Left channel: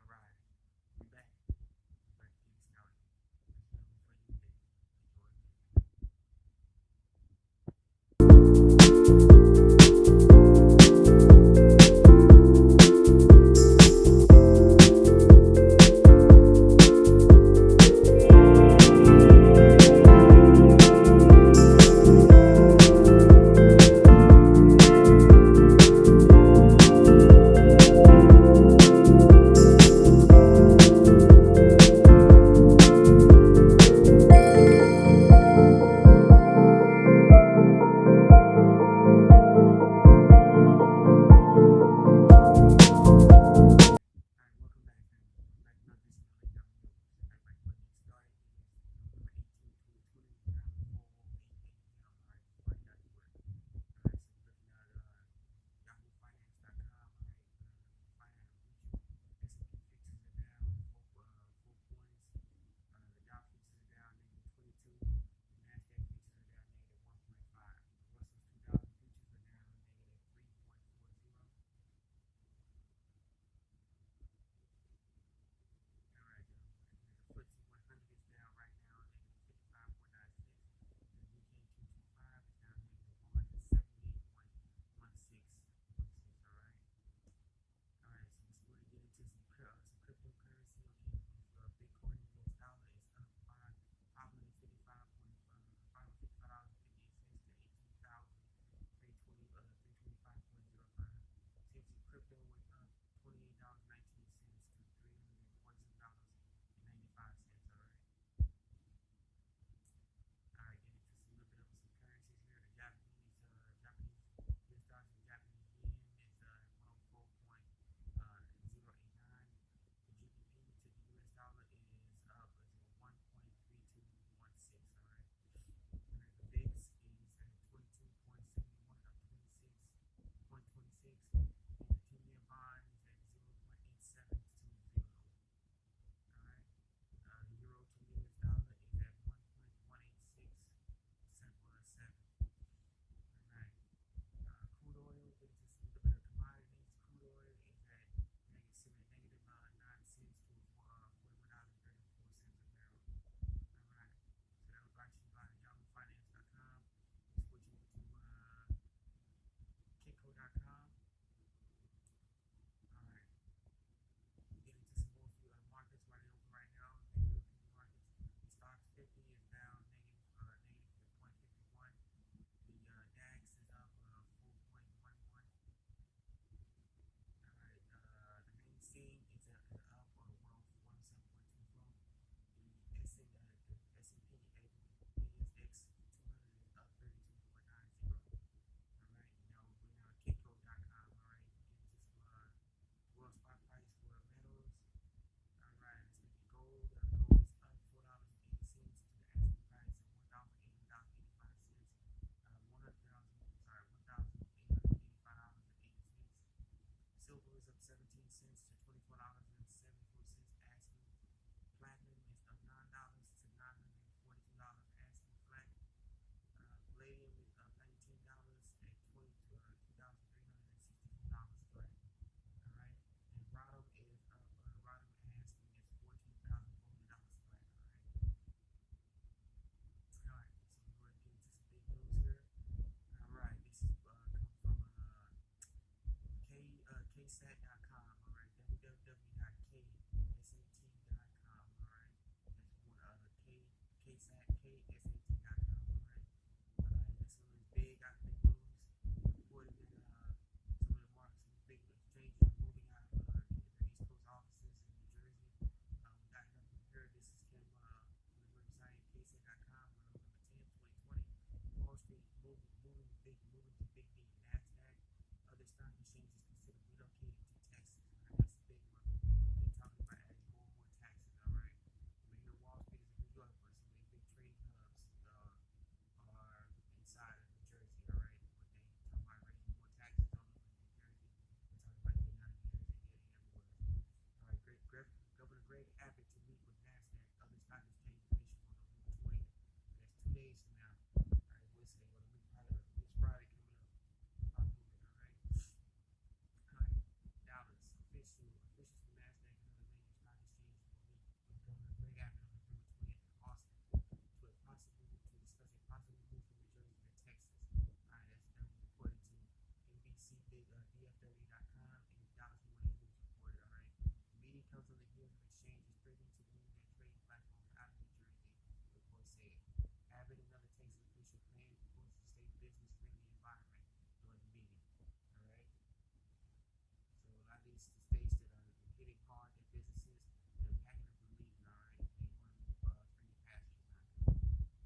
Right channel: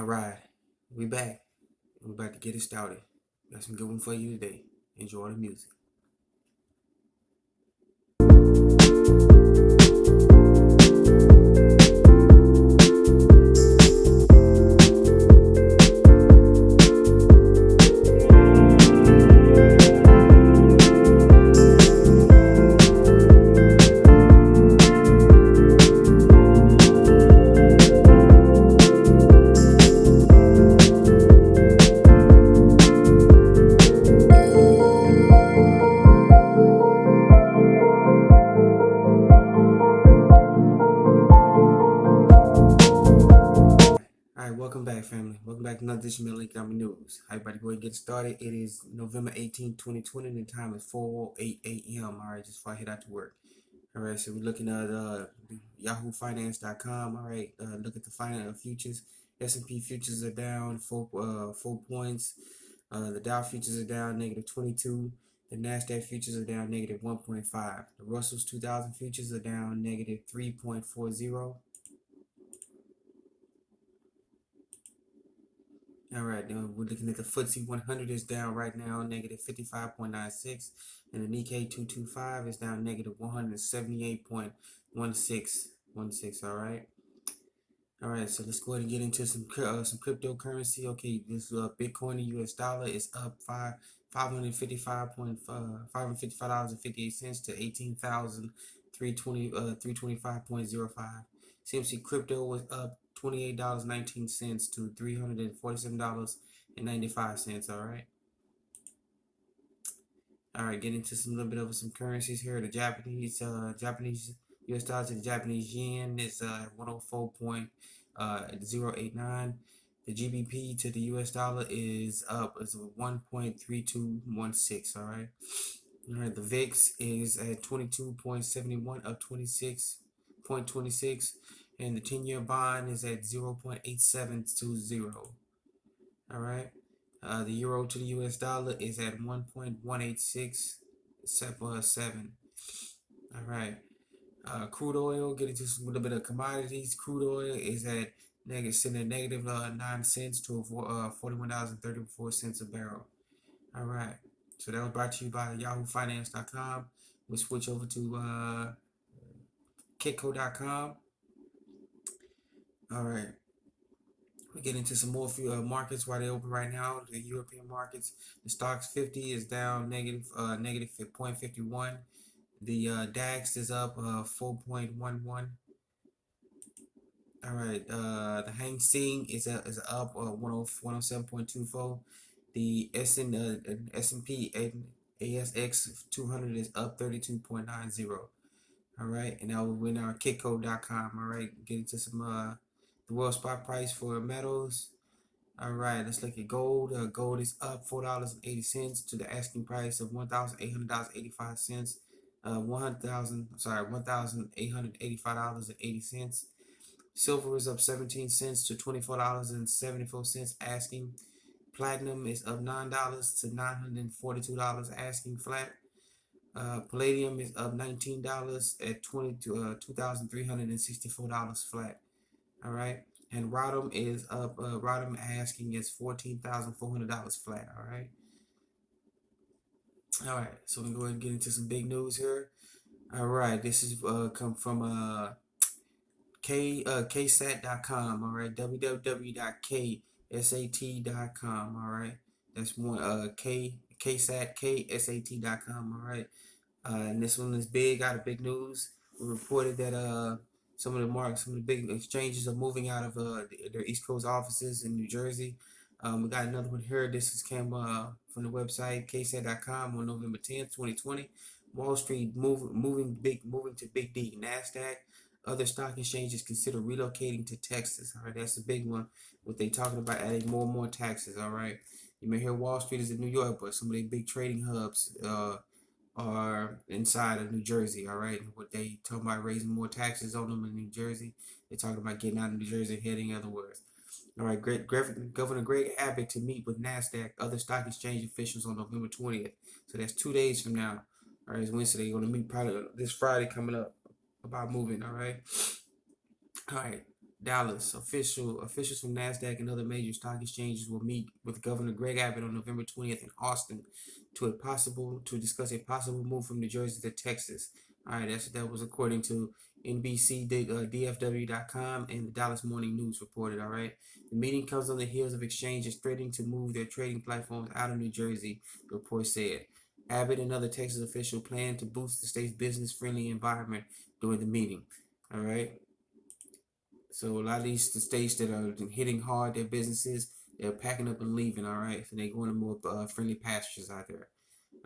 All right, we back. We're about to get it started. Got some good one for you today. Enjoy the music. All right, welcome back, family. Welcome back to another edition of Lake Economic News. How everybody go ahead and get started. It is November 18th, 2020, and the time is 4:08 a.m. All right, just before I head out to work. All right, so we're looking at yahoofinance.com. All right, look at the finance futures. S&P futures are down 4 points. The Dow futures are down -22. The Nasdaq futures are down -1.5. The Russell's 2000 futures are down -3.40. All right, now we're looking at the FTSE 100 is down right now -55.96, and the Nikkei 225 is down -178.16. All right. So let's go ahead and get into some cryptocurrency. Okay, this Bitcoin to U.S. dollar is up $555.58 to 325.05. CMC crypto was up $28.19 to $347.95. All right, get into some little bit of some currencies here. The Japanese U.S. dollar to the Japanese yen is 104.089. The GBP to the U.S. dollar is up. It's 1.3216. All right. All right. The VIX is at 22.71, up 26.26, and the 10-year bond is at 0.8720. All right. The euro to the U.S. dollar is at 1.18677. All right. Crude oil, get into a little bit of commodities. Crude oil is at negative 9 cents to $41.34 a barrel. All right. So that was brought to you by yahoofinance.com. We'll switch over to kitco.com. All right. We get into some more markets while they're open right now. The European markets, the Stocks 50 is down negative 0.51. The DAX is up 4.11. All right. The Hang Seng is up 107.24. The S&P ASX 200 is up 32.90. All right. And now we're in our kitco.com. All right. Get into some the world spot price for metals. All right, let's look at gold. Gold is up $4.80 to the asking price of $1,800.85. $1,885.80. Silver is up 17 cents to $24.74 asking. Platinum is up $9 to $942 asking flat. Palladium is up $19 at $2,364 flat. All right, and Rodham is up. Rodham asking is $14,400 flat. All right. So we go ahead and get into some big news here. All right, this is come from ksat.com. All right, www.ksat.com. All right, that's one ksat.com. All right, and this one is big. Out of big news. We reported that some of the big exchanges are moving out of their East Coast offices in New Jersey. We got another one here. This is came from the website ksat.com on November 10th, 2020. Wall Street moving to Big D. Nasdaq. Other stock exchanges consider relocating to Texas. All right, that's a big one. What they talking about adding more and more taxes. All right, you may hear Wall Street is in New York, but some of the big trading hubs are inside of New Jersey. All right, what they talking about raising more taxes on them in New Jersey. They talking about getting out of New Jersey, heading other words. All right, Governor Greg Abbott to meet with Nasdaq other stock exchange officials on November 20th. So that's 2 days from now. All right, it's Wednesday. They're going to meet probably this Friday coming up about moving. All right. Dallas. Officials from NASDAQ and other major stock exchanges will meet with Governor Greg Abbott on November 20th in Austin to discuss a possible move from New Jersey to Texas. All right, that was according to NBC, DFW.com, and the Dallas Morning News reported. All right, the meeting comes on the heels of exchanges threatening to move their trading platforms out of New Jersey. The report said Abbott and other Texas officials plan to boost the state's business-friendly environment during the meeting. All right. So a lot of these the states that are hitting hard their businesses, they're packing up and leaving. All right, so they're going to more friendly pastures out there.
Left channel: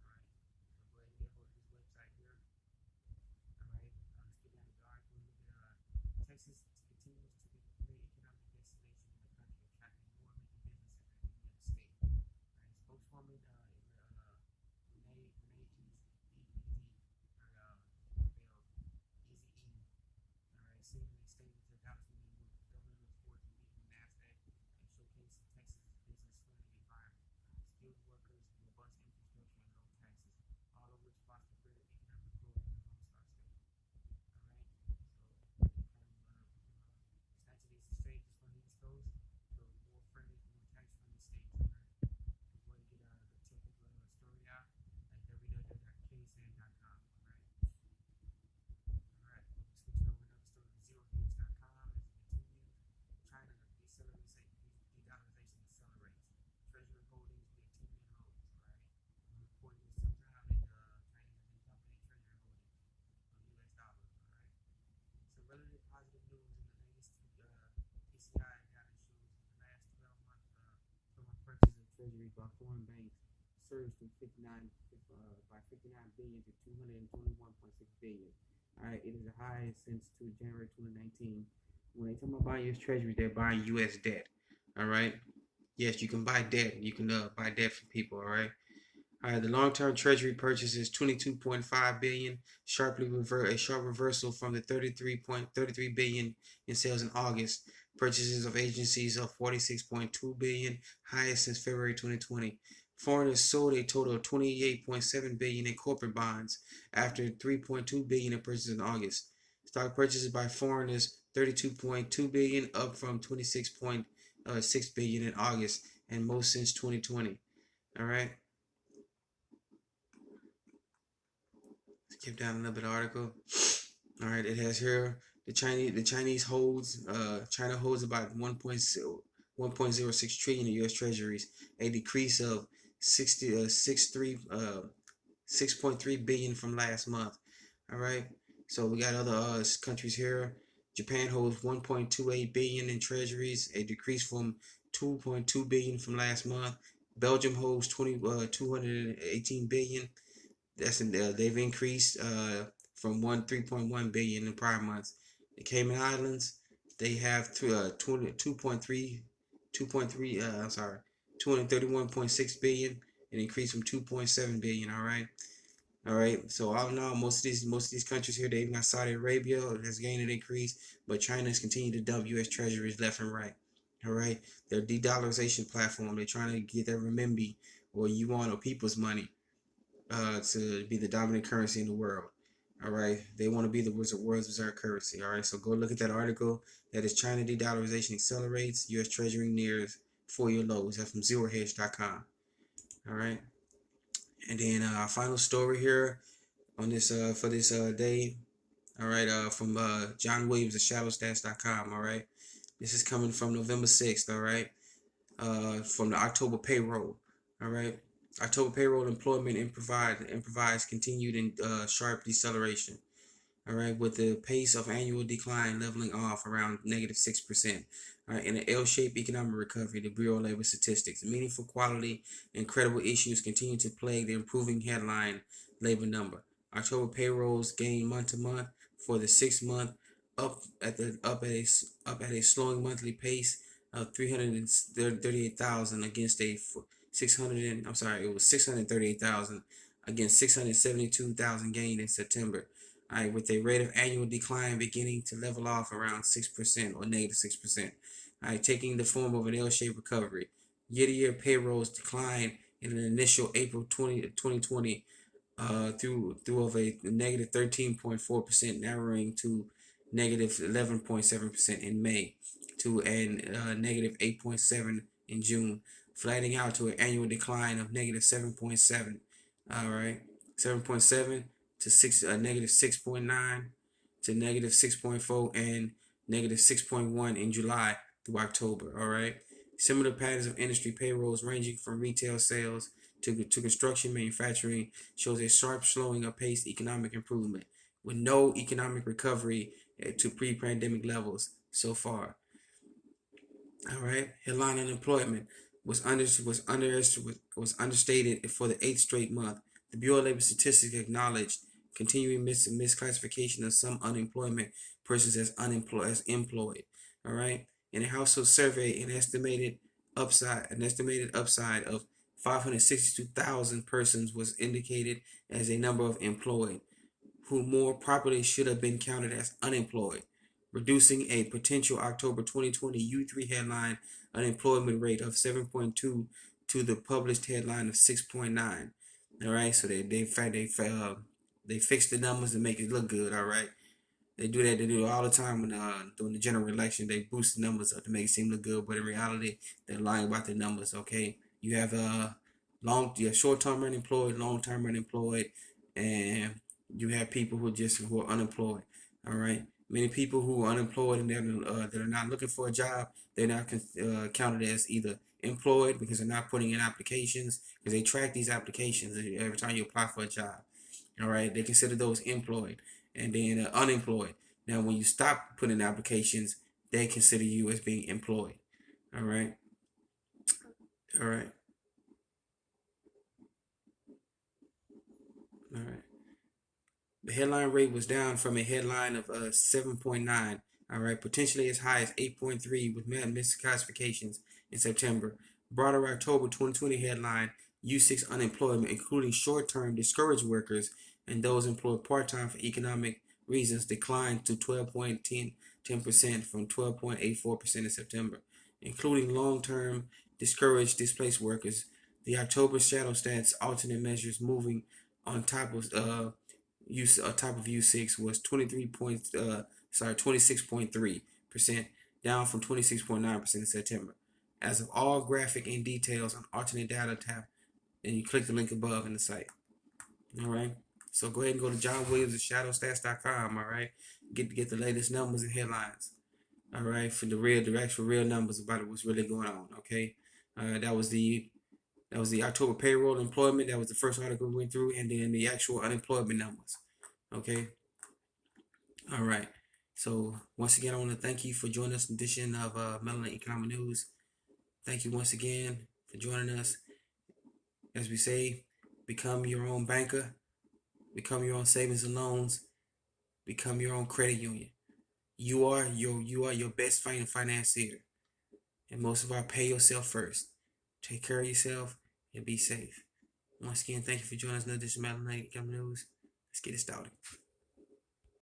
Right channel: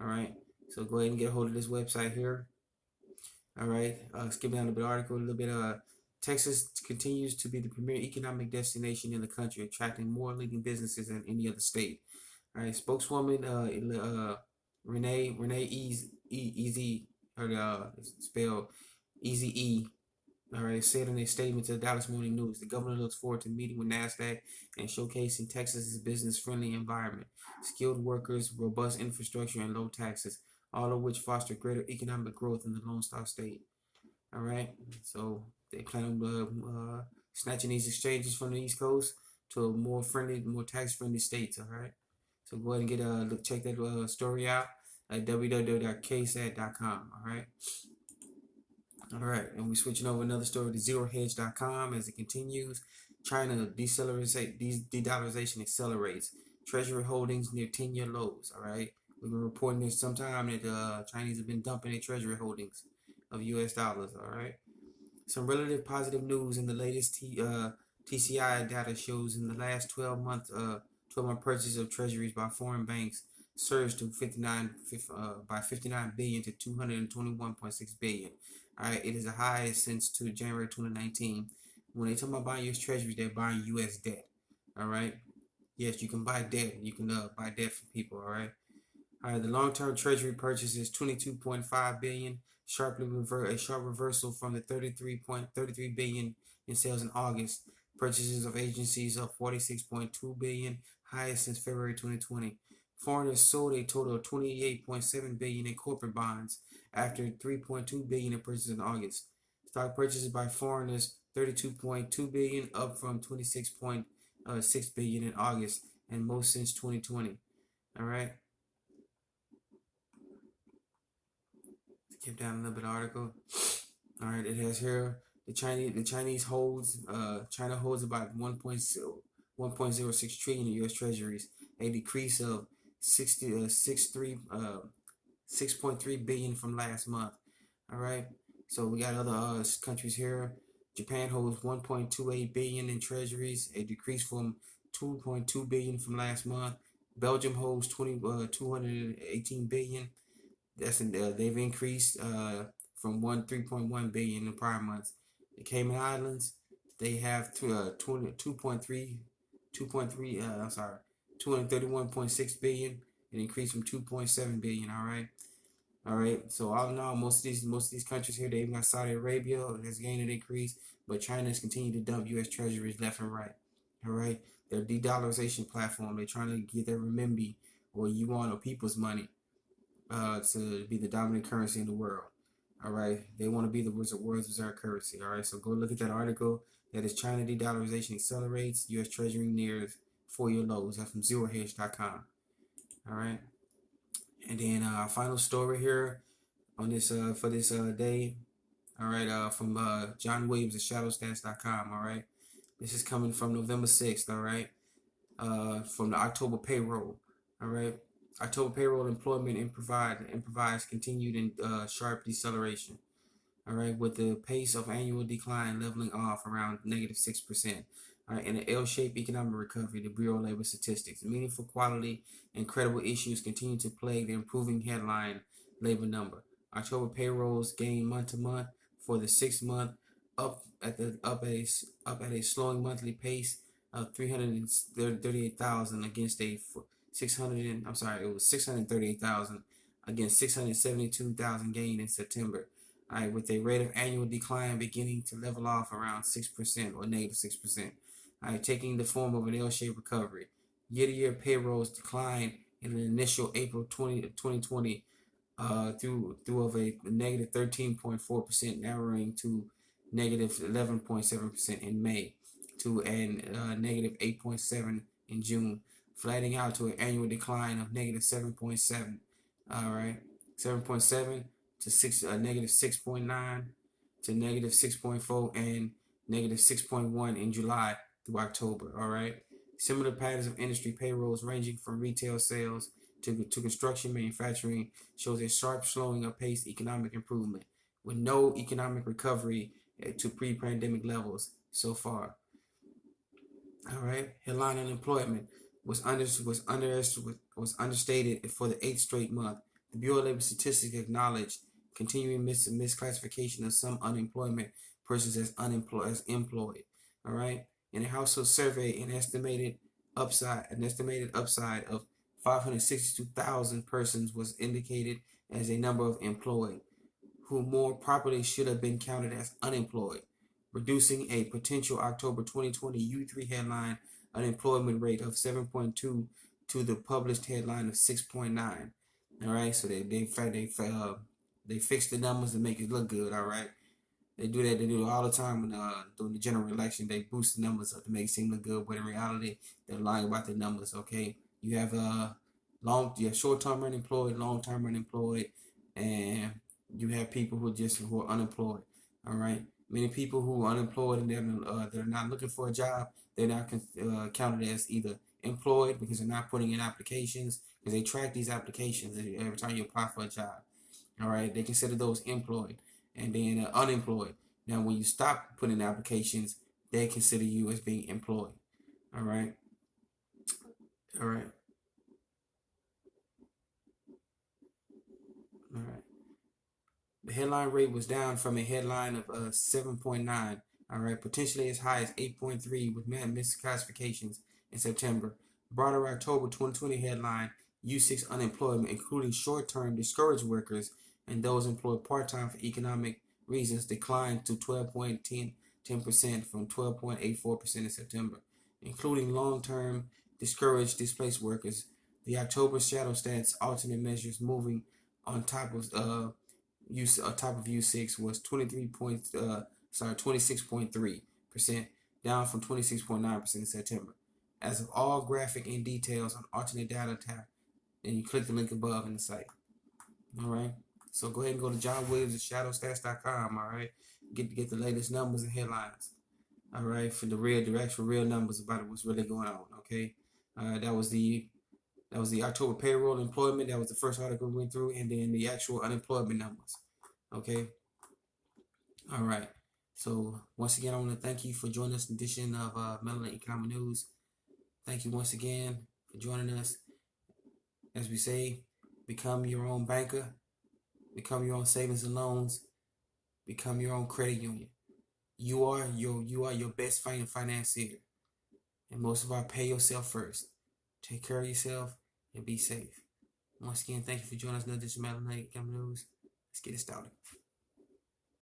All right, so go ahead and get a hold of this website here. All right, skip down a bit article a little bit. Texas continues to be the premier economic destination in the country, attracting more leading businesses than any other state. All right, spokeswoman Renee Easy or spell Easy E. All right, said in a statement to the Dallas Morning News, the governor looks forward to meeting with NASDAQ and showcasing Texas's business-friendly environment, skilled workers, robust infrastructure, and low taxes, all of which foster greater economic growth in the Lone Star State. All right, so they plan on snatching these exchanges from the East Coast to a more friendly, more tax-friendly states. All right, so go ahead and check that story out at www.ksat.com. All right. All right, and we're switching over another story to ZeroHedge.com as it continues. China de-dollarization accelerates. Treasury holdings near 10-year lows. All right, we've been reporting this sometime that Chinese have been dumping their treasury holdings of U.S. dollars. All right, some relative positive news in the latest TCI data shows in the last 12-month purchase of treasuries by foreign banks surged to 59 billion to 221.6 billion. All right, it is the highest since to January 2019. When they talk about buying U.S. treasuries, they're buying U.S. debt. All right. Yes, you can buy debt. You can buy debt from people. All right. All right. The long-term treasury purchase is 22.5 billion, sharp reversal from the 33 billion in sales in August. Purchases of agencies of 46.2 billion, highest since February 2020. Foreigners sold a total of 28.7 billion in corporate bonds after 3.2 billion in purchases in August. Stock purchases by foreigners 32.2 billion, up from 26.6 billion in August, and most since 2020. All right. Skip down a little bit of article. All right, it has here the Chinese holds China holds about 1.06 trillion in U.S. Treasuries, a decrease of 6.3 billion from last month. All right, so we got other countries here. Japan holds 1.28 billion in treasuries, a decrease from 2.2 billion from last month. Belgium holds 218 billion. They've increased from 3.1 billion in prior months. The Cayman Islands, they have 231.6 billion, an increase from 2.7 billion. All right. So all in all, most of these countries here, they've got Saudi Arabia has gained an increase, but China has continued to dump U.S. treasuries left and right. All right. Their de-dollarization platform, they're trying to get their renminbi or yuan or people's money to be the dominant currency in the world. All right, they want to be the world's reserve currency. All right, so go look at that article. That is China de-dollarization accelerates. U.S. Treasury nears 4-year lows. That's from ZeroHedge.com. All right, and then our final story here on this for this day. All right, from John Williams at ShadowStats.com. All right, this is coming from November 6th. All right, from the October payroll. All right. October payroll employment improvised continued in sharp deceleration. All right, with the pace of annual decline leveling off around -6%. All right, in an L-shaped economic recovery, the Bureau of Labor Statistics, meaningful quality and credible issues continue to plague the improving headline labor number. October payrolls gained month to month for the 6th month, up at a slowing monthly pace of 338,000 against a 638,000 against 672,000 gained in September. All right, with a rate of annual decline beginning to level off around 6% or -6%. All right, taking the form of an L-shaped recovery. Year-to-year payrolls declined in an initial April 2020 through of a -13.4%, narrowing to -11.7% in May. to an negative 8.7 in June, flattening out to an annual decline of negative 7.7. All right, 7.7 to negative 6.9 to negative 6.4 and negative 6.1 in July through October. All right, similar patterns of industry payrolls ranging from retail sales to construction manufacturing shows a sharp slowing of paced economic improvement with no economic recovery to pre-pandemic levels so far. All right, headline unemployment was understated for the eighth straight month. The Bureau of Labor Statistics acknowledged continuing misclassification of some unemployment persons as employed. All right, in a household survey, an estimated upside of 562,000 persons was indicated as a number of employed, who more properly should have been counted as unemployed, reducing a potential October 2020 U3 headline unemployment rate of 7.2 to the published headline of 6.9. All right, so they fixed the numbers to make it look good. All right, they do that. They do it all the time when during the general election. They boost the numbers up to make it seem look good, but in reality, they're lying about the numbers. Okay, you have short-term unemployed, long-term unemployed, and you have people who are unemployed. All right, many people who are unemployed and they're not looking for a job. They're not counted as either employed because they're not putting in applications, because they track these applications every time you apply for a job. All right, they consider those employed, and then unemployed. Now, when you stop putting in applications, they consider you as being employed. All right, all right, all right. The headline rate was down from a headline of 7.9, all right, potentially as high as 8.3 with misclassifications in September. Broader October 2020 headline U6 unemployment, including short-term discouraged workers and those employed part-time for economic reasons, declined to 12.10% from 12.84% in September, including long-term discouraged displaced workers. The October shadow stats alternate measures moving on top of U6 was 26.3%, down from 26.9% in September. As of all graphic and details on alternate data tab, and you click the link above in the site. All right. So go ahead and go to John Williams at shadowstats.com. All right. Get the latest numbers and headlines. All right, for the actual real numbers about what's really going on. Okay. That was the October payroll employment. That was the first article we went through, and then the actual unemployment numbers. Okay. All right. So once again, I want to thank you for joining us in this edition of Melanin Economic News. Thank you once again for joining us. As we say, become your own banker, become your own savings and loans, become your own credit union. You are your best financier, and most of all, pay yourself first. Take care of yourself and be safe. Once again, thank you for joining us in this edition of Melanin Economic News. Let's get it started.